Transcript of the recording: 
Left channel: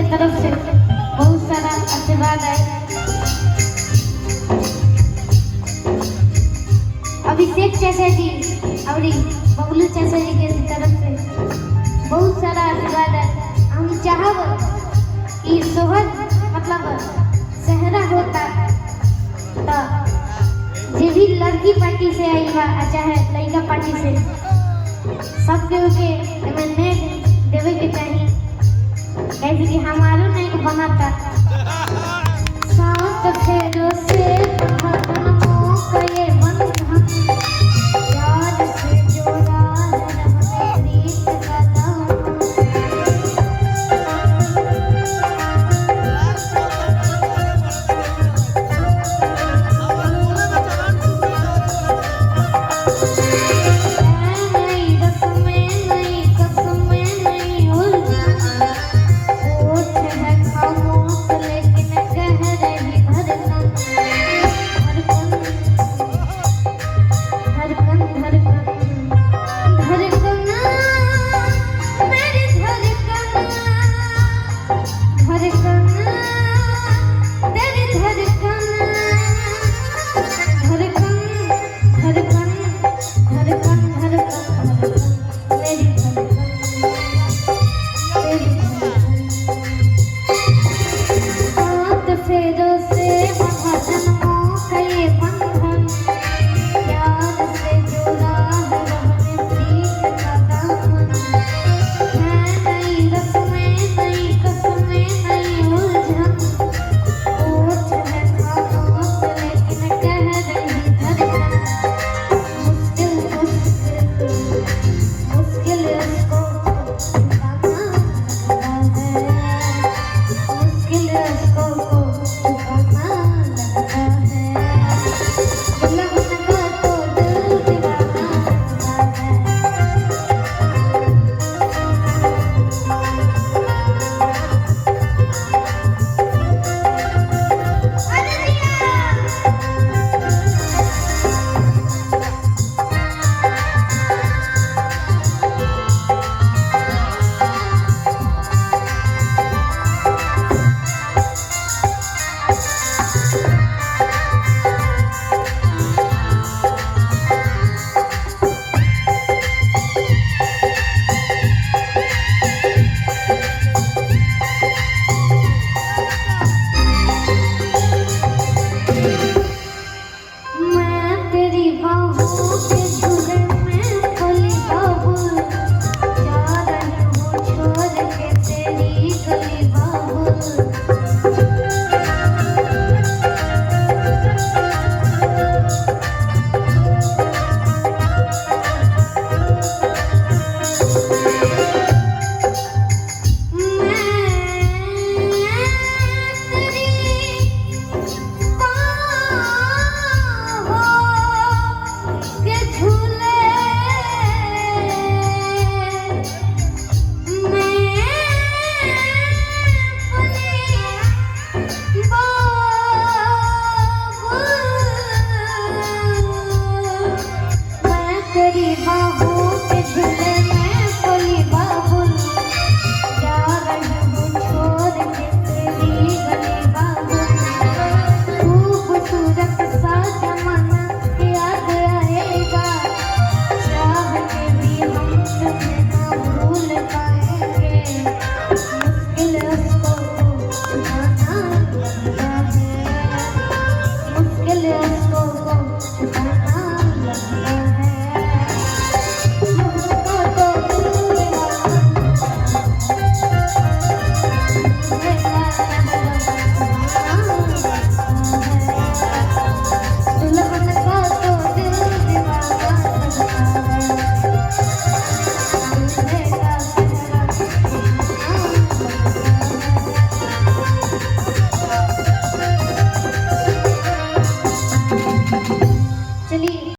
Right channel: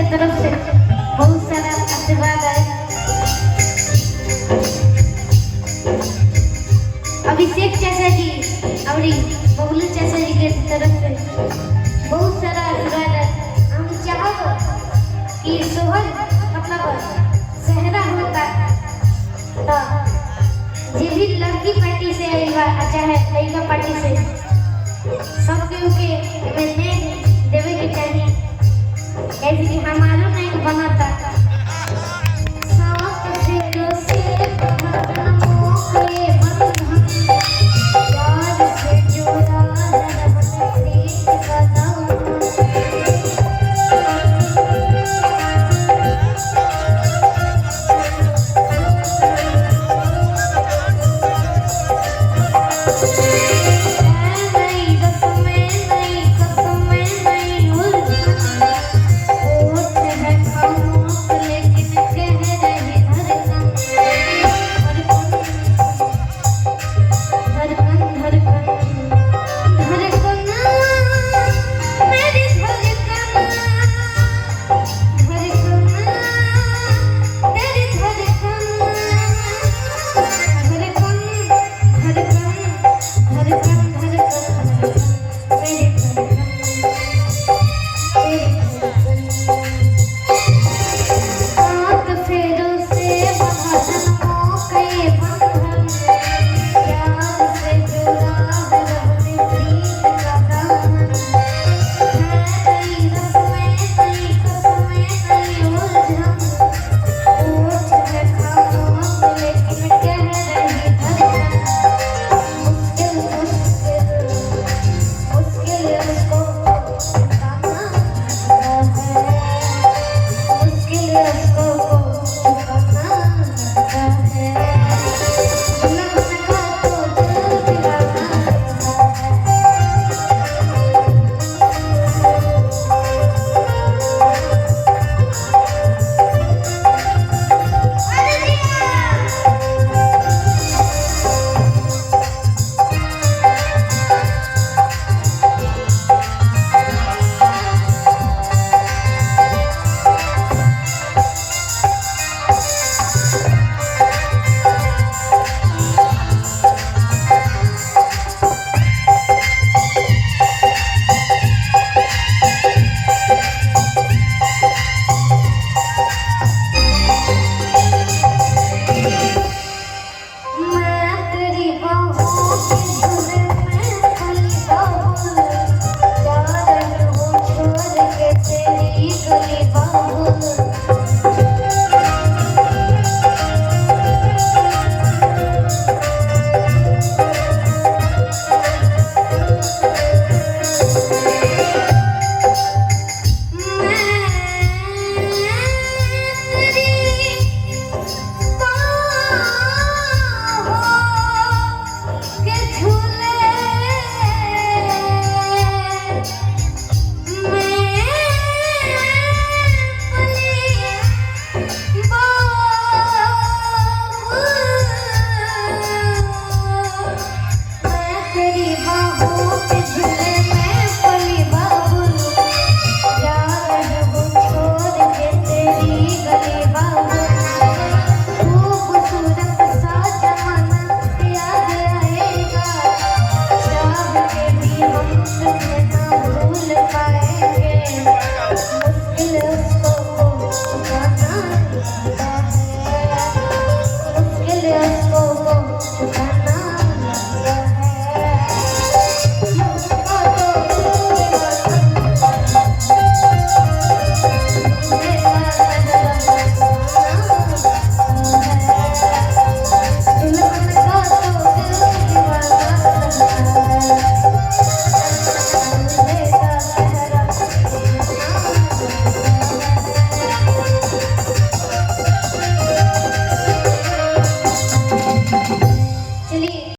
के तरफ से बहुत सारा आशीर्वाद आए। अभिषेक चाचा जी और बबलू चाचा जी के तरफ से बहुत सारा आशीर्वाद है। हम चाहब कि सोहन मतलब सहरा होता तो जे भी लड़की पार्टी से आई बा चाहे लड़का पार्टी से सबके में देवे के चाहिए। ऐसे कि हम